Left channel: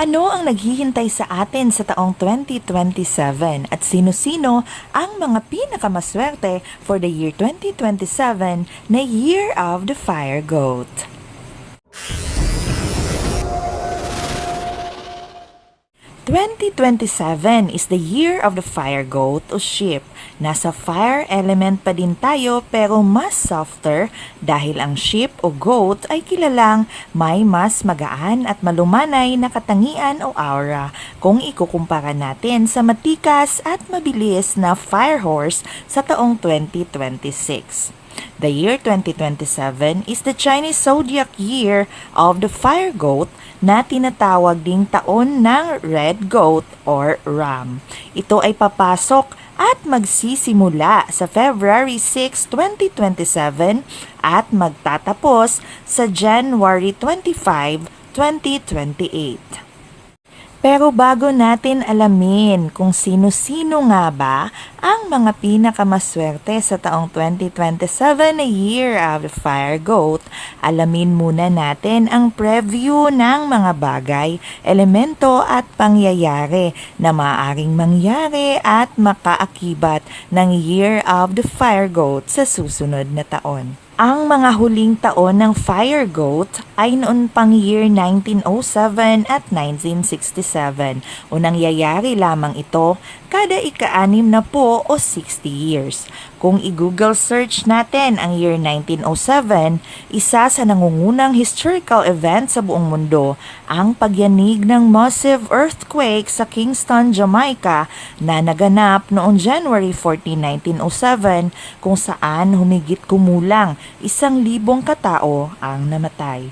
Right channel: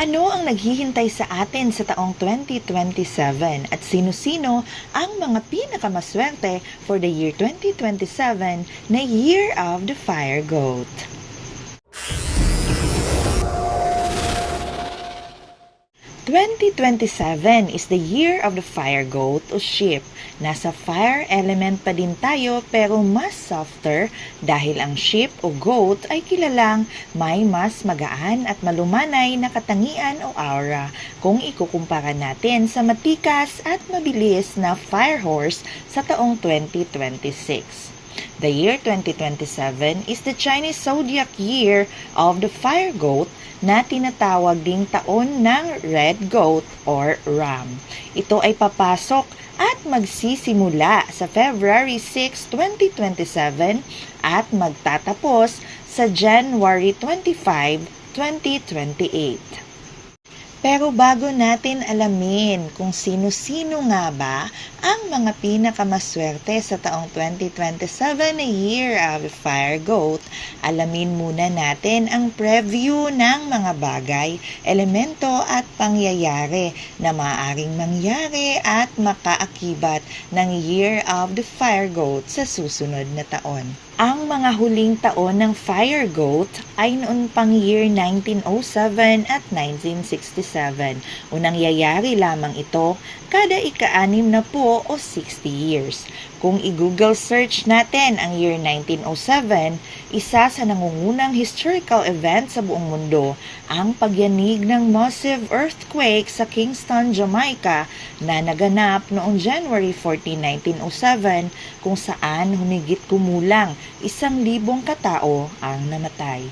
Ano ang naghihintay sa atin sa taong 2027 at sino-sino ang mga pinakamaswerte for the year 2027 na Year of the Fire Goat? "2027 is the year of the fire goat o sheep. Nasa fire element pa din tayo pero mas softer dahil ang sheep o goat ay kilalang may mas magaan at malumanay na katangian o aura kung ikukumpara natin sa matikas at mabilis na fire horse sa taong 2026. The year 2027 is the Chinese zodiac year of the fire goat na tinatawag ding taon ng red goat or ram. Ito ay papasok at magsisimula sa February 6, 2027 at magtatapos sa January 25, 2028. Pero bago natin alamin kung sino-sino nga ba ang mga pinakamaswerte sa taong 2027 na Year of the Fire Goat, alamin muna natin ang preview ng mga bagay, elemento at pangyayari na maaaring mangyari at makaakibat ng Year of the Fire Goat sa susunod na taon. Ang mga huling taon ng Fire Goat ay noon pang year 1907 at 1967 o nangyayari lamang ito kada ika-6 na po o 60 years. Kung i-Google search natin ang year 1907, isa sa nangungunang historical event sa buong mundo ang pagyanig ng massive earthquake sa Kingston, Jamaica na naganap noong January 14, 1907 kung saan humigit kumulang 1,000 katao ang namatay.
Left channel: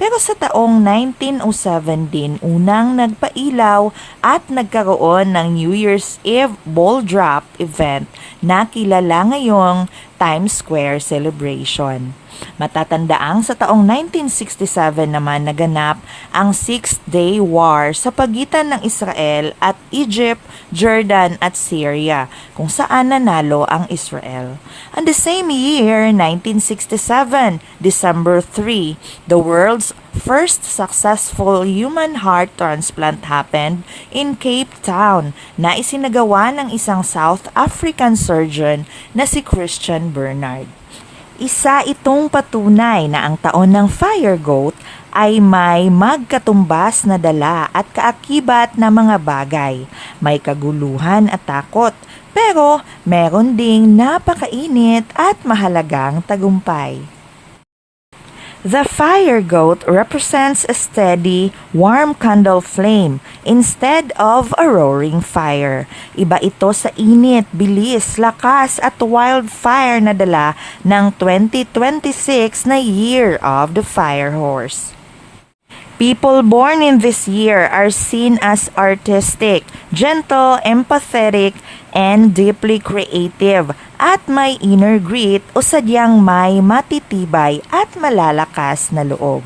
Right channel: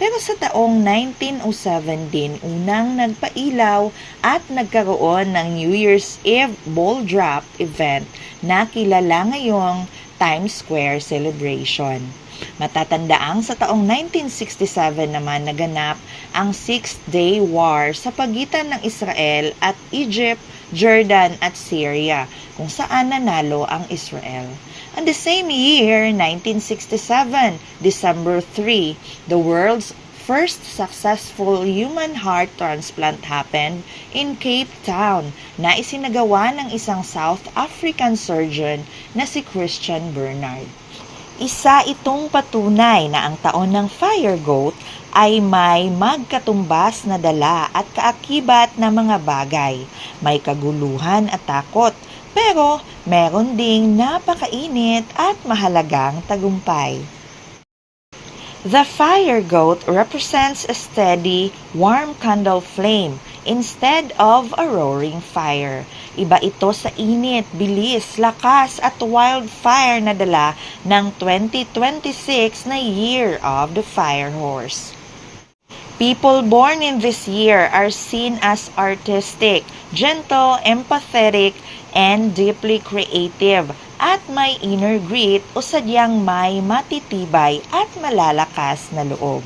Pero sa taong 1907 din unang nagpailaw at nagkaroon ng New Year's Eve ball drop event na kilala ngayong Times Square celebration. Matatandaang sa taong 1967 naman naganap ang Six-Day War sa pagitan ng Israel at Egypt, Jordan at Syria kung saan nanalo ang Israel. And the same year, 1967, December 3, the world's first successful human heart transplant happened in Cape Town na isinagawa ng isang South African surgeon na si Christian Bernard. Isa itong patunay na ang taon ng Fire Goat ay may magkatumbas na dala at kaakibat na mga bagay. May kaguluhan at takot, pero meron ding napakainit at mahalagang tagumpay. The fire goat represents a steady, warm candle flame instead of a roaring fire. Iba ito sa init, bilis, lakas at wildfire na dala ng 2026 na Year of the Fire Horse. People born in this year are seen as artistic, gentle, empathetic, and deeply creative at may inner grit o sadyang may matitibay at malalakas na loob.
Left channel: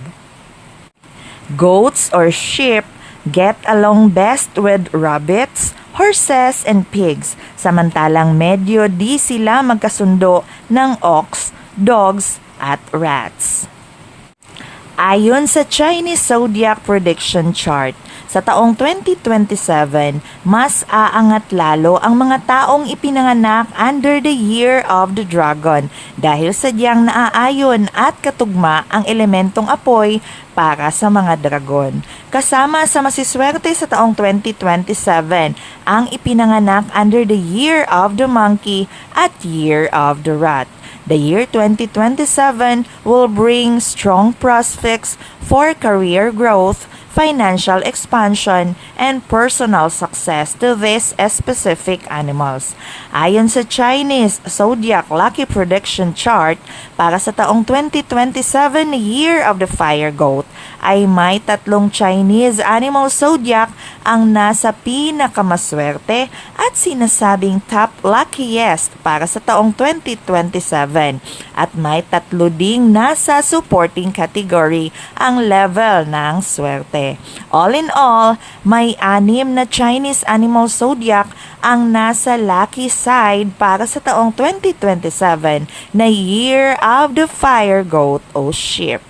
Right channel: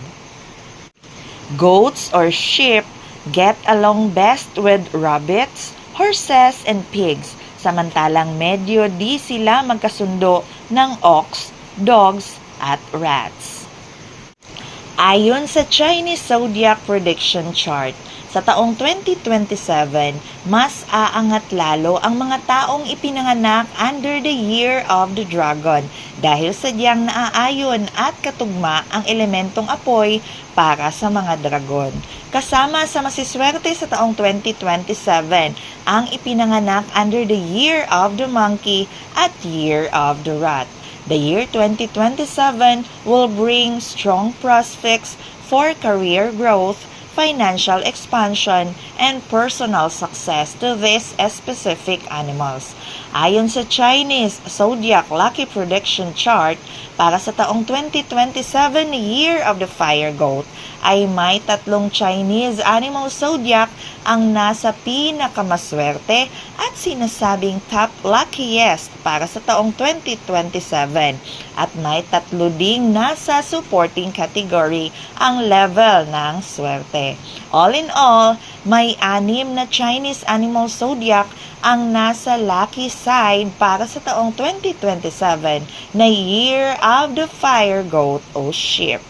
Goats or sheep get along best with rabbits, horses, and pigs, samantalang medyo di sila magkasundo ng ox, dogs, at rats. Ayon sa Chinese Zodiac Prediction Chart, sa taong 2027, mas aangat lalo ang mga taong ipinanganak under the Year of the Dragon dahil sadyang naaayon at katugma ang elementong apoy para sa mga dragon. Kasama sa masiswerte sa taong 2027 ang ipinanganak under the Year of the Monkey at Year of the Rat. The year 2027 will bring strong prospects for career growth, financial expansion, and personal success to these specific animals. Ayon sa Chinese Zodiac Lucky Prediction Chart, para sa taong 2027 Year of the Fire Goat, ay may 3 Chinese animal zodiac ang nasa pinakamaswerte at sinasabing top luckiest para sa taong 2027 at may 3 ding nasa supporting category ang level ng swerte. All in all, may 6 na Chinese animal zodiac ang nasa lucky side para sa taong 2027 na Year of the Fire Goat o Sheep.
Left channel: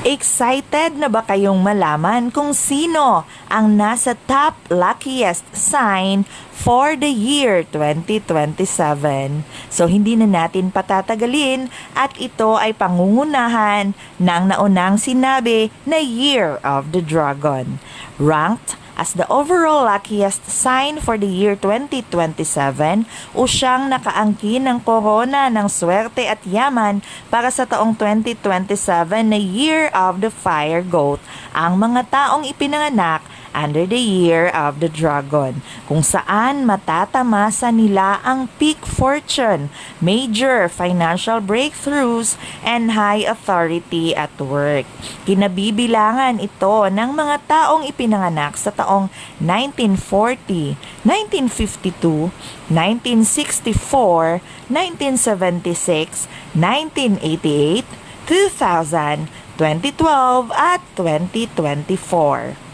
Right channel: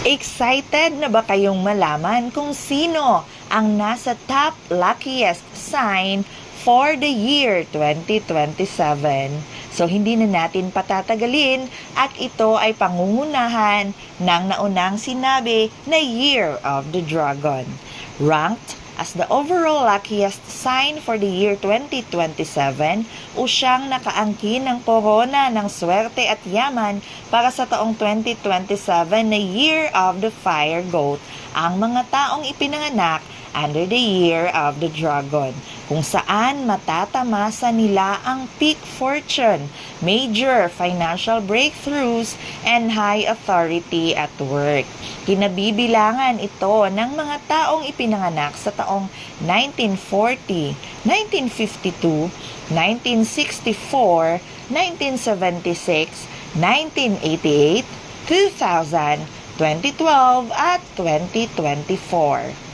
Excited na ba kayong malaman kung sino ang nasa top luckiest sign for the year 2027? So hindi na natin patatagalin at ito ay pangungunahan ng naunang sinabi na Year of the Dragon. Ranked as the overall luckiest sign for the year 2027 o siyang nakaangkin ng korona ng swerte at yaman para sa taong 2027 na Year of the Fire Goat ang mga taong ipinanganak under the Year of the Dragon, kung saan matatamasa nila ang peak fortune, major financial breakthroughs, and high authority at work. Kinabibilangan ito ng mga taong ipinanganak sa taong 1940, 1952, 1964, 1976, 1988, 2000, 2012 at 2024.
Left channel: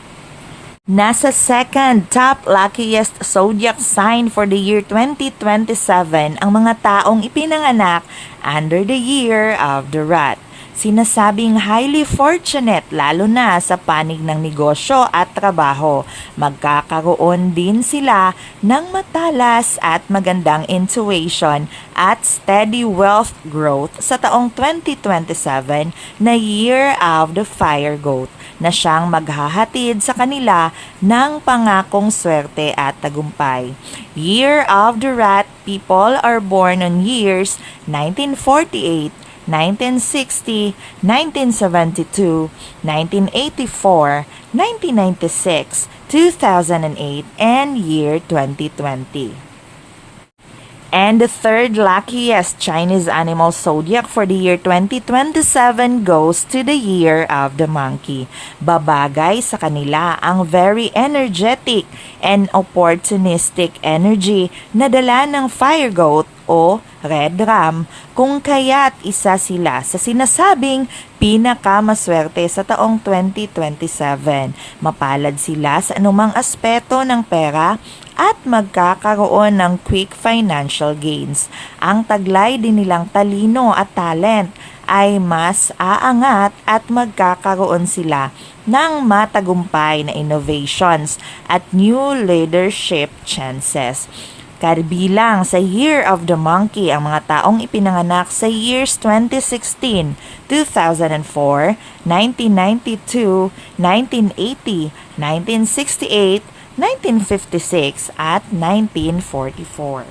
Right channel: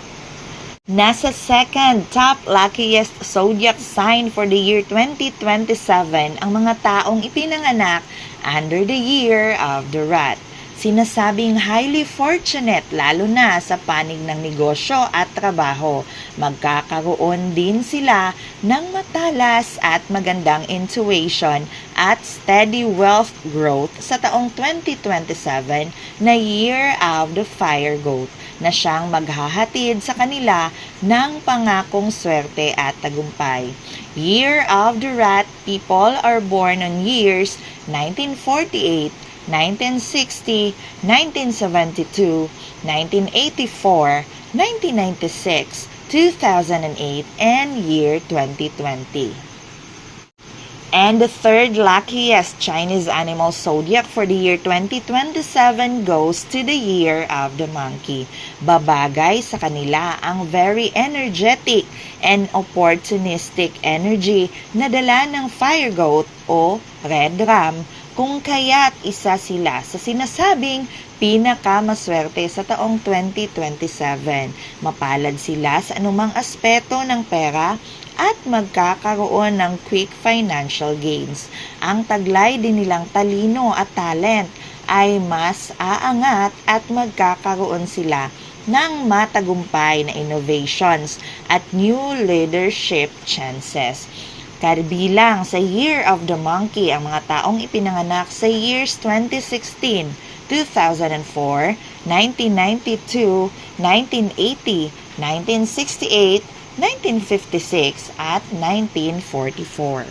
Nasa second top luckiest zodiac sign for the year 2027 ang mga taong ipinanganak under the Year of the Rat. Sinasabing highly fortunate lalo na sa panig ng negosyo at trabaho. Magkakaroon din sila ng matalas at magandang intuition at steady wealth growth sa taong 2027 na Year of the Fire Goat, na siyang maghahatid sa kanila ng pangakong swerte at tagumpay. Year of the Rat people are born on years 1948, 1960, 1972, 1984, 1996, 2008, and year 2020. And the third luckiest Chinese animal zodiac for the year 2027 goes to the Year of the Monkey. Babagay sa kanila ang very energetic and opportunistic energy na dala ng Fire Goat o Red Ram, kung kaya't isa sila sa sinasabing pinakamaswerte sa taong 2027. Mapalad sila sa anumang aspeto ng pera at magkakaroon ng quick financial gains. Ang taglay din nilang talino at talent ay mas aangat at magkakaroon sila ng matagumpay na innovations at new leadership chances. Kabilang sa Year of the Monkey ang mga taong ipinanganak sa years 2016, 2004, 1992, 1980, 1968, 1956 at 1944.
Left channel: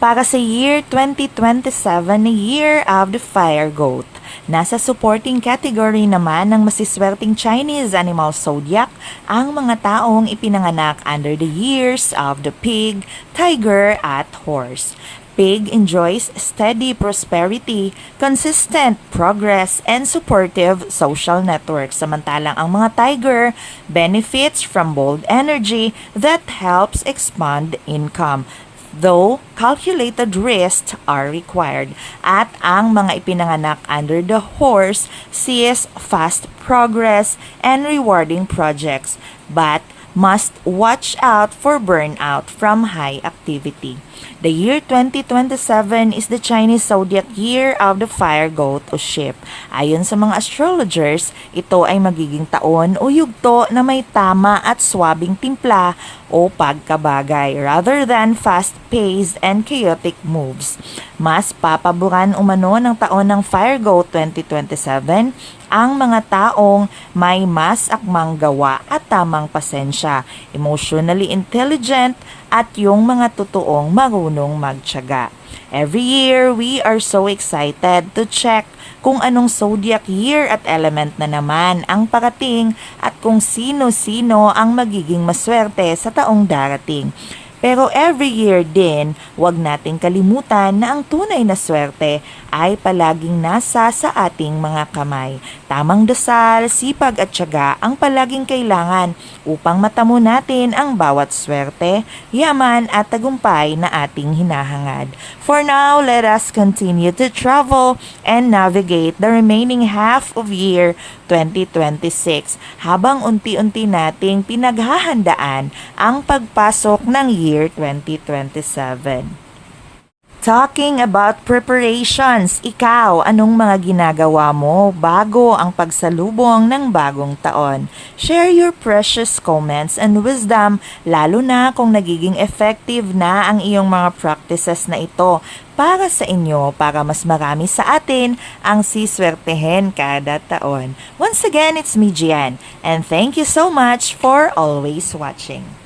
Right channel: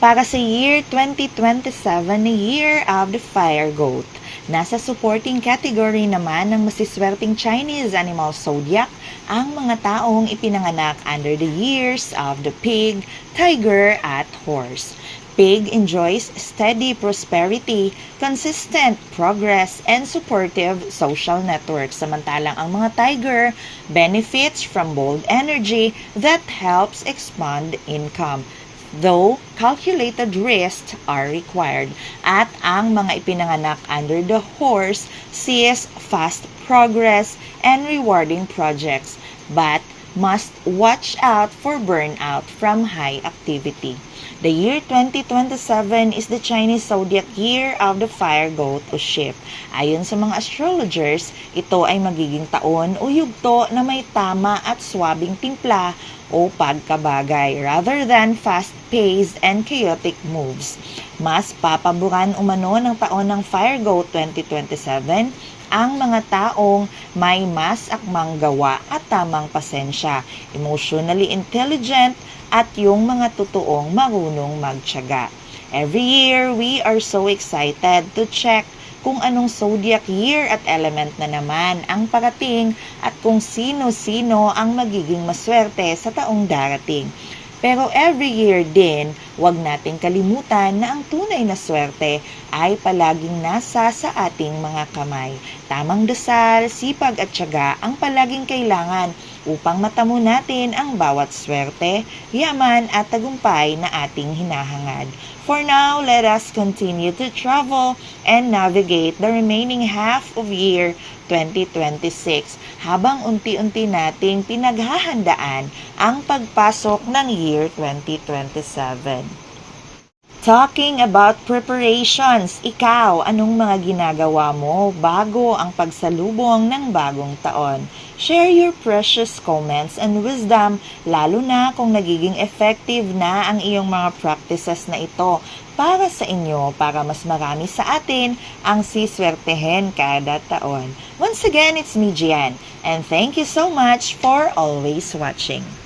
Para sa year 2027 na Year of the Fire Goat, nasa supporting category naman ng masiswerteng Chinese animal zodiac ang mga taong ipinanganak under the years of the pig, tiger at horse. Pig enjoys steady prosperity, consistent progress, and supportive social networks. Samantalang ang mga tiger benefits from bold energy that helps expand income, though calculated risks are required. At ang mga ipinanganak under the horse sees fast progress and rewarding projects, but must watch out for burnout from high activity. The year 2027 is the Chinese zodiac Year of the Fire Goat o Sheep. Ayon sa mga astrologers, ito ay magiging taon o yugto na may tama at swabing timpla o pagkabagay rather than fast-paced and chaotic moves. Mas papaboran umano ng taon ng Fire Goat 2027 ang mga taong may mas akmang gawa at tamang pasensya, emotionally intelligent, at yung mga totoong marunong magtiyaga. Every year, we are so excited to check kung anong zodiac year at element na naman ang parating at kung sino-sino ang magiging maswerte sa taong darating. Pero every year din, huwag nating kalimutan na ang tunay na swerte ay palaging nasa sa ating mga kamay. Tamang dasal, sipag at tiyaga ang palaging kailangan upang matamo natin ang bawat swerte, yaman at tagumpay na ating hinahangad. For now, let us continue to travel and navigate the remaining half of year 2026 habang unti-unti nating pinaghahandaan ang pagpasok ng year 2027. Talking about preparations, ikaw, anong mga ginagawa mo bago ang pagsalubong ng bagong taon? Share your precious comments and wisdom, lalo na kung nagiging effective na ang iyong mga practices na ito para sa inyo, para mas marami sa atin ang siswertehin kada taon. Once again, it's me, Gian, and thank you so much for always watching.